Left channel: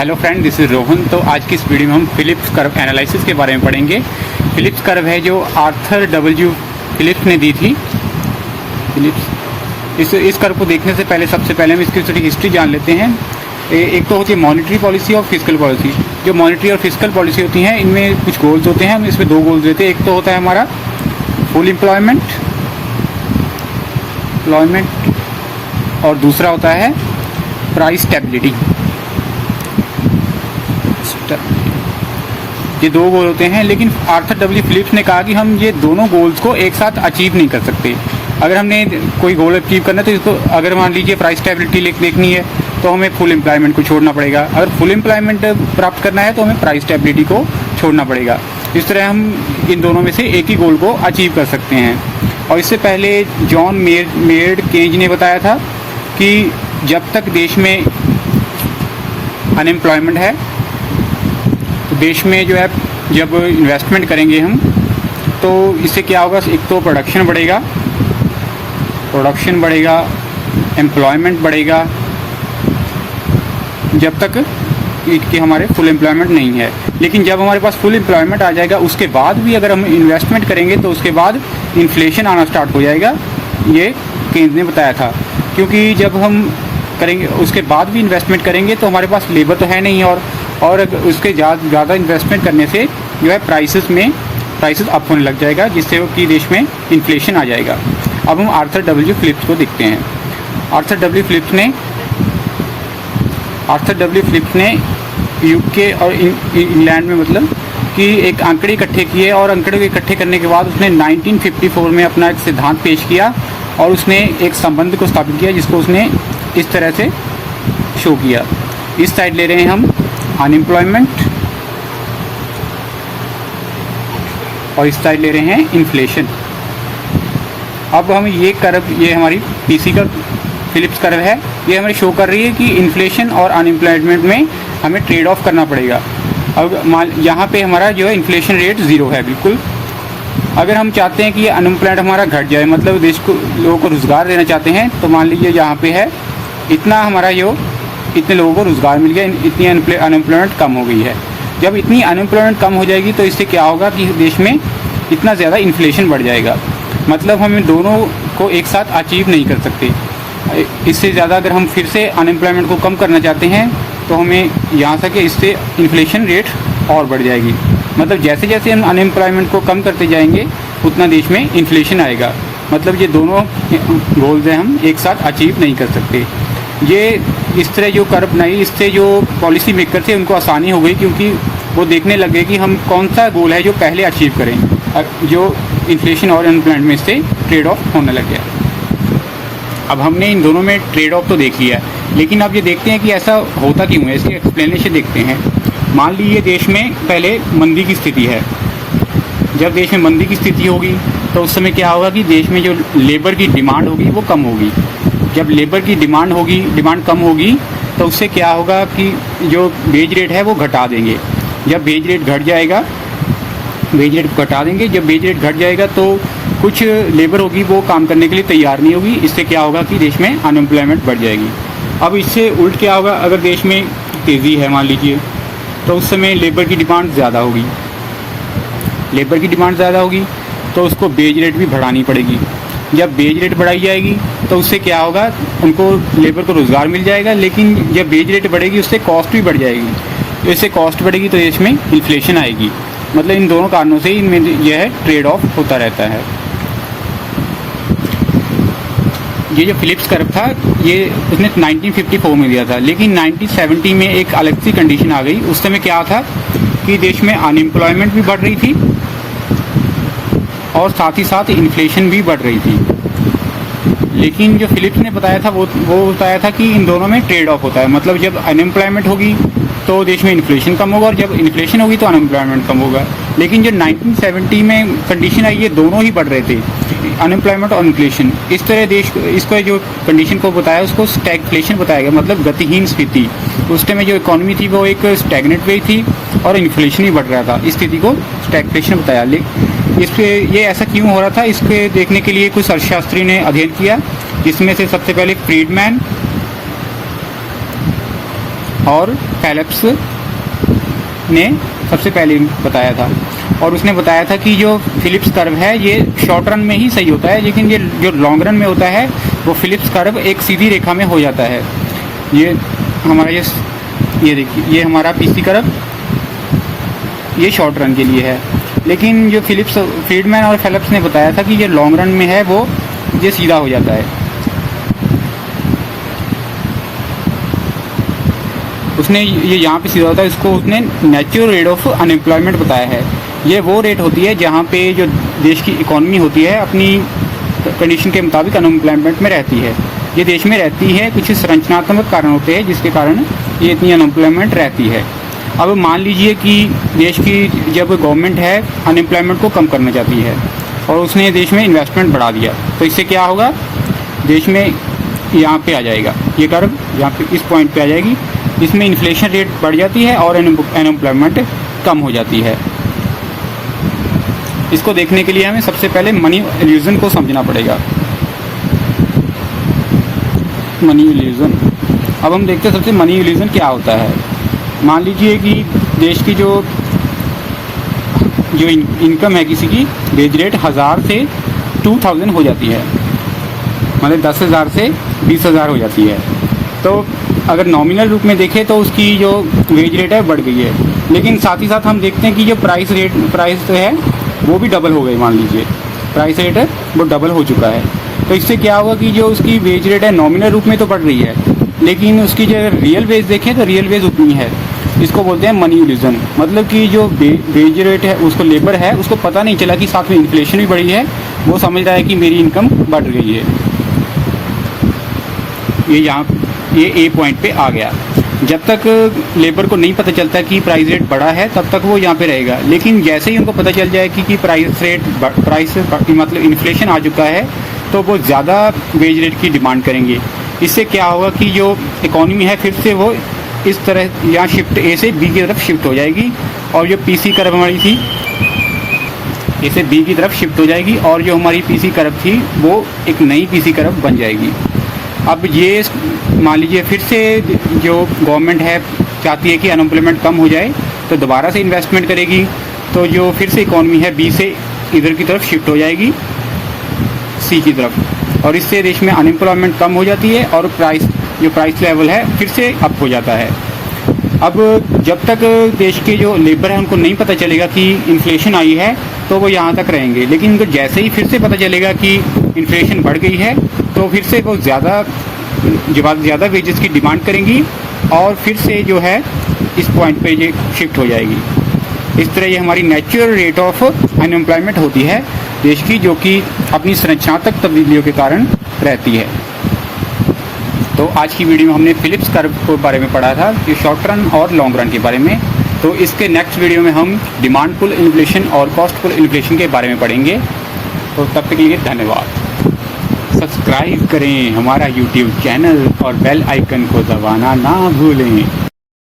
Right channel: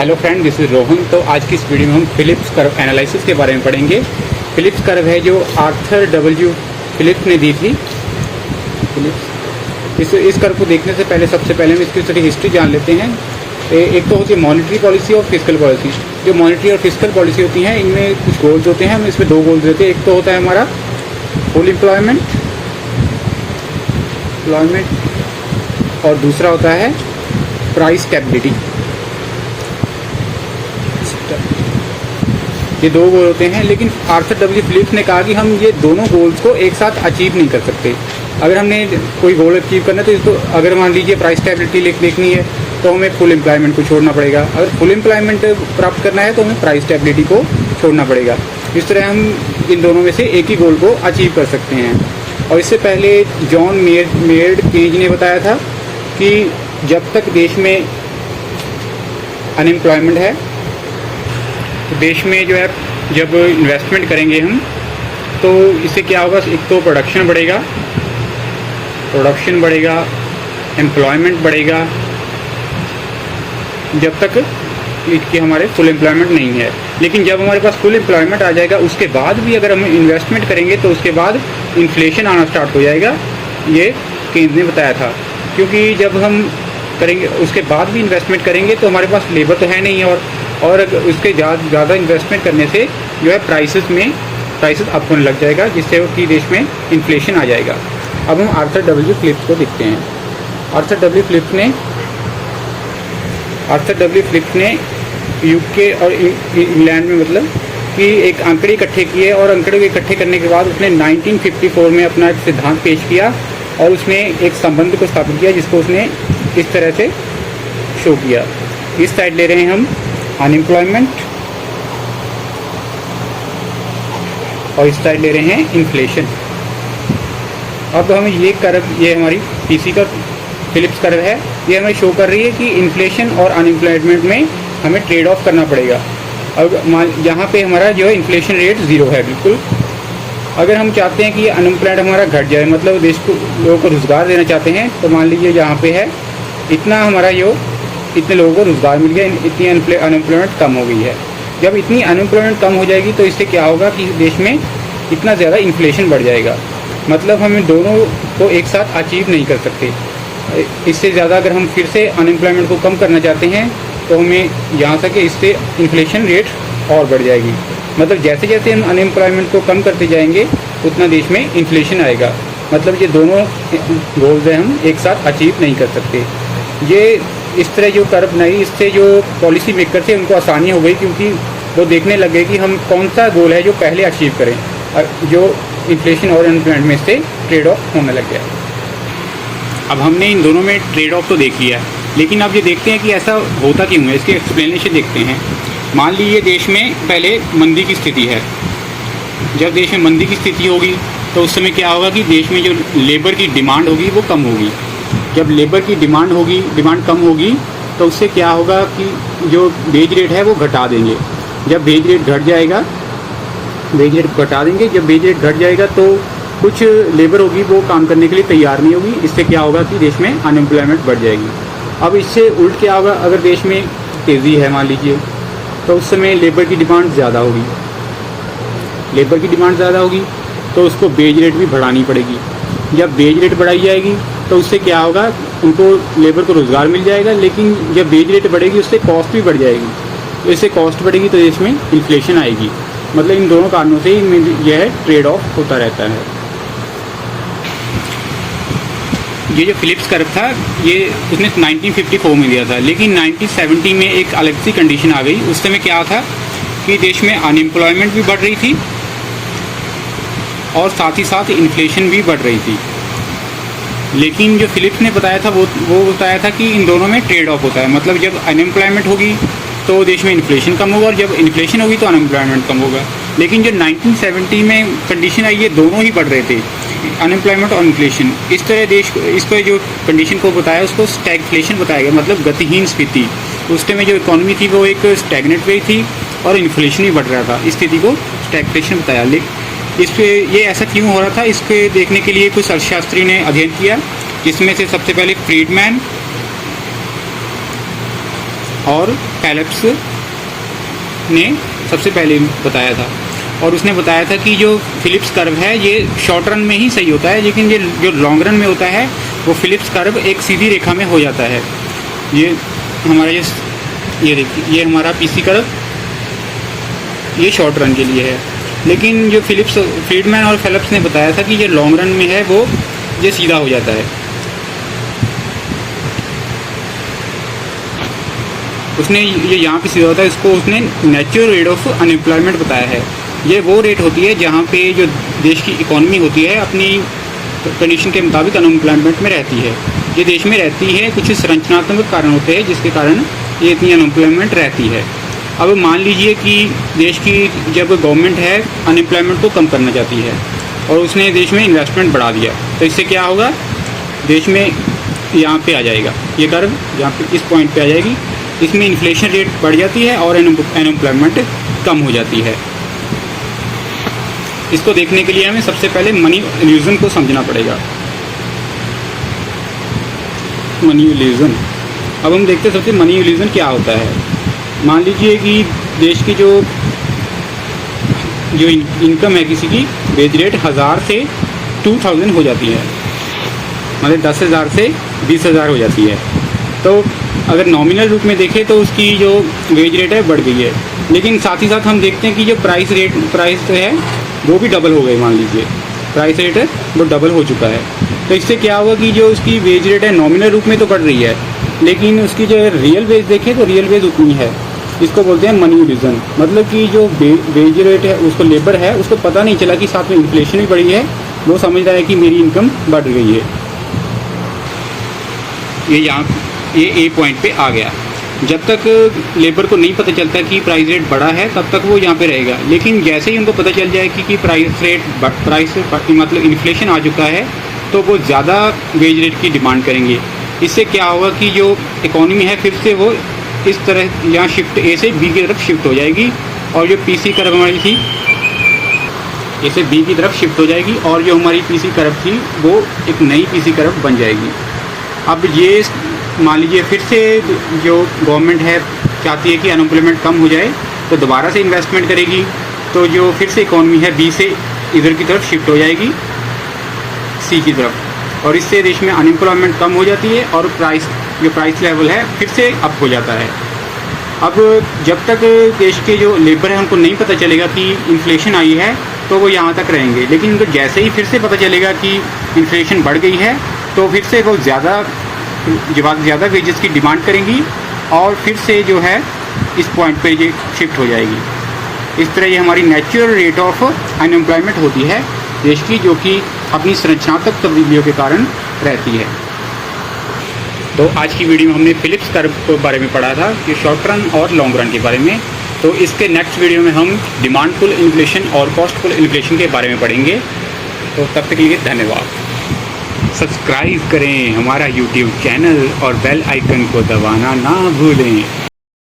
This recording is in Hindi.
Hello friend, this is Rohan. तो आज की इस वीडियो में हम फिलिप्स कर्व एनालिसिस के बारे में पढ़ेंगे। फिलिप्स कर्व है जो आर्थर डब्ल्यू फिलिप्स ने दी थी। फिलिप्स इस कर्व को देखने से पहले सबसे पहले हम इसकी थोड़ी हिस्ट्री जान लेते हैं। एक तो होती है मॉनेटरी पॉलिसी और फिजिकल पॉलिसी। जो मॉनेटरी और फिजिकल पॉलिसी होती हैं इनमें कुछ गोल्स होते हैं, हम इसमें दो गोल्स देते हैं। एक तो होता है हमारा फुल एम्प्लॉयमेंट और दूसरा होता है प्राइस स्टेबिलिटी। ये दो गोल होते हैं, लेकिन आर्थर डब्ल्यू फिलिप्स ने कहा कि हम ये दोनों गोल्स को एक साथ अचीव नहीं कर सकते। अगर हमने कोई गोल अचीव करना है तो इसको, अगर मान लीजिए प्राइस स्टेबिलिटी देखनी है तो हमें फुल एम्प्लॉयमेंट को छोड़ना पड़ेगा। अगर फुल एम्प्लॉयमेंट प्राप्त करना है तो हमें प्राइस स्टेबिलिटी को छोड़ना पड़ेगा। इस तरह हम इन दोनों में से एक ही गोल को अचीव कर सकते हैं। और इससे पहले जॉन मेयर्ड केज ने बताया था कि जब तक देश में अनएम्प्लॉयमेंट है तो देश में जो है जब इन्वेस्टमेंट करेंगे हम तो इससे क्या होगा, एक तो प्रोडक्शन बढ़ेगा, एम्प्लॉयमेंट बढ़ेगा, जब तक कि हमारे फुल एम्प्लॉयमेंट नहीं है। लेकिन जब हमारे पास फुल एम्प्लॉयमेंट आ जाएगा उसके बाद भी अगर हम इन्वेस्टमेंट करेंगे तो उसके बाद इन्फ्लेशन आना स्टार्ट हो जाएगा, ये केन्स ने बताया था। क्योंकि जब हम करेंगे उसके बाद भी इन्वेस्टमेंट करेंगे तो हमारे पास लेबर तो है नहीं, और उसके ज़्यादा इन्वेस्टमेंट करने से जो है प्राइसेस अप होने लग जाएगा, जिससे कि देश में इन्फ्लेशन आ जाएगा। अब हम आर्थर डब्ल्यू फिलिप्स को देखते हैं। आर्थर डब्ल्यू फिलिप्स ने यूके और इंग्लैंड में मतलब कि एक आंकड़े इकट्ठे किए, और आंकड़े को इकट्ठे करने के बाद उसने 1954 में अपना एक सिद्धांत पेश किया और उसने एक संबंध को स्थापित किया जिसको उसने इस तरह से शो किया। इस साइड ले रहे हैं हम अनएम्प्लॉयमेंट और इस साइड ले रहे हैं इन्फ्लेशन। अब हम ये हमारी पीसी का फिलिप्स कर्व है, ये हमें शो कर रही है कि इन्फ्लेशन और अनएम्प्लॉयमेंट में हमें ट्रेड ऑफ करना पड़ेगा। अब यहाँ पे हमारा जो है इन्फ्लेशन रेट 0 है बिल्कुल। अगर हम चाहते हैं कि अनएम्प्लॉयमेंट हमारा घट जाए, मतलब देश को लोगों को रोजगार देना चाहते हैं, तो मान लीजिए यहाँ पे है इतना हमारा इतने लोगों को रोजगार मिल गया, इतनी अनएम्प्लॉयमेंट कम हो गई है। जब इतनी अनएम्प्लॉयमेंट कम हो जाएगी तो इससे क्या होगा कि देश में इतना ज़्यादा इन्फ्लेशन बढ़ जाएगा। मतलब हम दोनों को एक साथ अचीव नहीं कर सकते। इससे ज़्यादा अगर हम फिर से अनएम्प्लॉयमेंट को कम करना चाहते हैं तो हमें यहाँ तक कि इससे इन्फ्लेशन रेट और बढ़ जाएगी। मतलब जैसे जैसे हम अनएम्प्लॉयमेंट को कम करते जाएंगे उतना देश में इन्फ्लेशन आएगा। मतलब ये दोनों गोल्स हैं हम एक साथ अचीव नहीं कर सकते। ये इस तरह जो कर्व बनाई, इससे जो पॉलिसी मेकर थे उनको आसानी हो गई, क्योंकि वो देखने लग गए कि हम कौन सा गोल है जो पहले अचीव करें, जो इन्फ्लेशन और अनएम्प्लॉयमेंट में से ट्रेड ऑफ होने लग गया। अब हमने इन दोनों में ट्रेड ऑफ तो देख लिया, लेकिन अब ये देखते हैं कि ऐसा होता क्यों है, इसकी एक्सप्लेनेशन देखते हैं। मान लीजिए देश में पहले मंदी की स्थिति है। जब देश में मंदी की स्थिति होगी तो उस समय क्या होगा कि देश में जो लेबर की डिमांड होगी वो कम होगी। जब लेबर की डिमांड कम होगी तो उससे क्या होगा कि जो वेज रेट है वो घटा देंगे। जब वेज रेट घट जाएगा, वेज रेट घटा देंगे। जब वेज रेट घट जाएगा तो कुछ लेबर होगी वो काम करने के लिए तैयार नहीं होगी। इससे क्या होगा कि देश में अनएम्प्लॉयमेंट बढ़ जाएगी। अब इससे उल्ट क्या होगा, अगर देश में तेज़ी है मान लीजिए, तो उस समय लेबर की डिमांड ज़्यादा होगी। लेबर की डिमांड ज़्यादा होगी तो उसको वेज रेट भी बढ़ानी पड़ेगी। जब वेज रेट बढ़ाई जाएगी तो उससे क्या होगा, उनको लेबर को रोज़गार मिल जाएगा। लेकिन जब वेज रेट बढ़ेगी उससे कॉस्ट भी बढ़ जाएगी। इससे कॉस्ट बढ़ेगी तो देश में इन्फ्लेशन आएगी। मतलब इन दोनों कारणों से इनमें यह ट्रेड ऑफ होता रहता है। ये जो फिलिप्स कर्व था ये उसने 1954 में दिया था, लेकिन 1970 में एक अलग सी कंडीशन आ गई। उस समय क्या था कि देश में अनएम्प्लॉयमेंट भी बढ़ रही थी और साथ ही साथ इन्फ्लेशन भी बढ़ रही थी। लेकिन जो फिलिप्स ने बताया था वो बताया था कि इन दोनों में ट्रेड ऑफ होता है। मतलब जब अनएम्प्लॉयमेंट होगी तो देश में इन्फ्लेशन कम होगा, और जब इन्फ्लेशन होगी तो अनएम्प्लॉयमेंट कम होगा। लेकिन जो 1970 में कंडीशन आई, ये दोनों ही बढ़ रहे थे, अनएम्प्लॉयमेंट और इन्फ्लेशन। इस तरह देश को, इसका जो कंडीशन को बताया उसको स्टैगफ्लेशन बताया गया, मतलब गतिहीन स्थिति। उस टाइम में जो इकोनॉमी थी वो एक स्टैगनेट पे थी और इन्फ्लेशन भी बढ़ रहा था। इस स्थिति को स्टैगफ्लेशन बताया। ये ऐसा क्यों हो रहा था, इसके देखने के लिए कुछ अर्थशास्त्री ने अध्ययन किया, जिसमें से सबसे पहले फ्रीडमैन और फेलिप्स ने सबसे पहले बताया था। और उसने बताया था कि जो फिलिप्स कर्व है ये शॉर्ट रन में ही सही होता है, लेकिन ये जो लॉन्ग रन में होता है वो फिलिप्स कर्व एक सीधी रेखा में हो जाता है। ये हमारा ये देखिए, ये हमारा पीसी कर्व ये शॉर्ट रन के लिए है, लेकिन जो फ्रीडमैन और फेलिप्स ने बताया था कि ये लॉन्ग रन में है वो ये सीधा हो जाता है। उसने ये यहाँ पे सीधा होता है, इसको उसने नेचुरल रेट ऑफ अनएम्प्लॉयमेंट बताया है। ये वो रेट होती है जहाँ पे जो देश की इकोनॉमी होती है अपनी कंडीशन के मुताबिक अनएम्प्लॉयमेंट में रहती है। ये देश में रहती है, कुछ संरचनात्मक कारण होते हैं जिसके कारण ये इतनी अनएम्प्लॉयमेंट रहती है। अब मान लीजिए कि देश की जब गवर्नमेंट है अनएम्प्लॉयमेंट को कम करना चाहती है और उसने देश में इन्वेस्टमेंट बढ़ा दिया, तो इससे क्या होगा, देश में यहाँ पे आ जाएगा ये कर्व, यहाँ पे इस पॉइंट पे आ जाएगी, इसमें इन्फ्लेशन रेट बढ़ जाती है और अनएम्प्लॉयमेंट कम हो जाती है। इसको देखने के लिए हमें सबसे पहले मनी इल्यूजन को समझना पड़ेगा। मनी इल्यूजन, अब हम देखते हैं सबसे मनी इल्यूजन क्या होता है। मान लीजिए कि देश की जो इनकम है किसी की, वेज रेट 1000 से 2000 हो जाती है, मतलब 10,000 से 20,000 हो जाती है। तो अगर नॉमिनल रूप में देखें तो उसकी जो वेज रेट है बढ़ गई है, लेकिन साथ ही साथ हम देखते हैं कि जो प्राइस तो है वो भी डबल हो गए। मान लीजिए प्राइस रेट है वो डबल हो चुका है, तो इससे क्या होगा कि जो उसकी वेज रेट है नॉमिनल रूप में तो बढ़ रही है, लेकिन उसकी जो रियल वेज देखें तो रियल वेज उतनी है। इसको बोलते हैं मनी इल्यूजन, मतलब कि जो वेज रेट है उसको लेबर है उसको पता नहीं चला कि साथ में इन्फ्लेशन भी बढ़ी है, वो समझ रहा है कि मेरी इनकम बढ़ गई है। ये ए पॉइंट पे आ गया। जब तक लेबर को नहीं पता चलता कि प्राइस रेट बढ़ा है तब तक वो यहाँ पे रहेगा, लेकिन जैसे ही उनको पता चल जाए कि प्राइस मतलब इन्फ्लेशन आ चुका है तो वो ज़्यादा वेज रेट की डिमांड करेंगे। इससे क्या होगा कि जो इकोनॉमी है फिर से वो इस तरह यहाँ शिफ्ट ए से बी की तरफ शिफ्ट हो जाएगी, और जो पीसी कर्व हमारी थी ए से बी की तरफ शिफ्ट हो जाएगी, और जो हमारी पीसी कर्व थी वो एक नई पीसी कर्व बन जाएगी। अब ये मान लीजिए फिर से जो गवर्नमेंट है चाहती है कि अनएम्प्लॉयमेंट कम हो जाए तो दोबारा से इन्वेस्टमेंट करेगी, तो जो फिर से इकोनॉमी है बी से इधर की तरफ शिफ्ट हो जाएगी सी की तरफ, और इससे देश में अनएम्प्लॉयमेंट कम हो जाती है और प्राइस लेवल है फिर से अप हो जाता है। अब जब तक देश के जो लेबर है उनको नहीं पता चलेगा कि इन्फ्लेशन आई है तो वो यहाँ तक रहेंगे, लेकिन उनको जैसे ही फिर से पता चलेगा कि इन्फ्लेशन बढ़ गई है तो फिर से वो ज़्यादा वेजेस की डिमांड करेंगी और फिर से जो है इस पॉइंट पे ये शिफ्ट हो जाएगी। इस तरह ये हमारी नेचुरल रेट ऑफ अनएम्प्लॉयमेंट होती है देश की, जो कि अपनी संरचनात्मक तब्दीलियों के कारण रहती है। तो आज की वीडियो में हमने फिलिप्स कर्व के बारे में पढ़ा था, कि शॉर्ट रन और लॉन्ग रन के बारे में। तो इसके नेक्स्ट वीडियो में हम डिमांड पुल इन्फ्लेशन और कॉस्ट पुल इन्फ्लेशन के बारे में पढ़ेंगे। तो तब तक के लिए धन्यवाद। सब्सक्राइब करें हमारा YouTube चैनल और बेल आइकन को दबाना ना भूलें।